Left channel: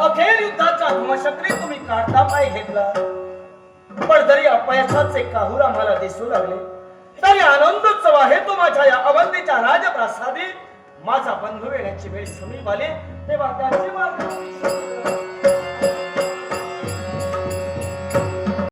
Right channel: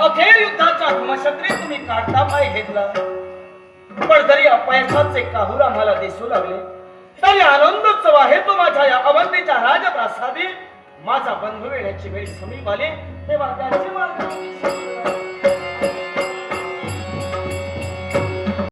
अखेर युद्धाचा धुमशक्री तुम्ही काढता पाय घेतला. पण जरी अपयशाचे काहूर आम्हाला दिसू लागले तरी आनंदोत्सव आहे तो माझ्या या अवंतीच्या राजप्रासादी. माझा बंधू येण्याची वेळ समीप आली. तेव्हा त्याची मागणी.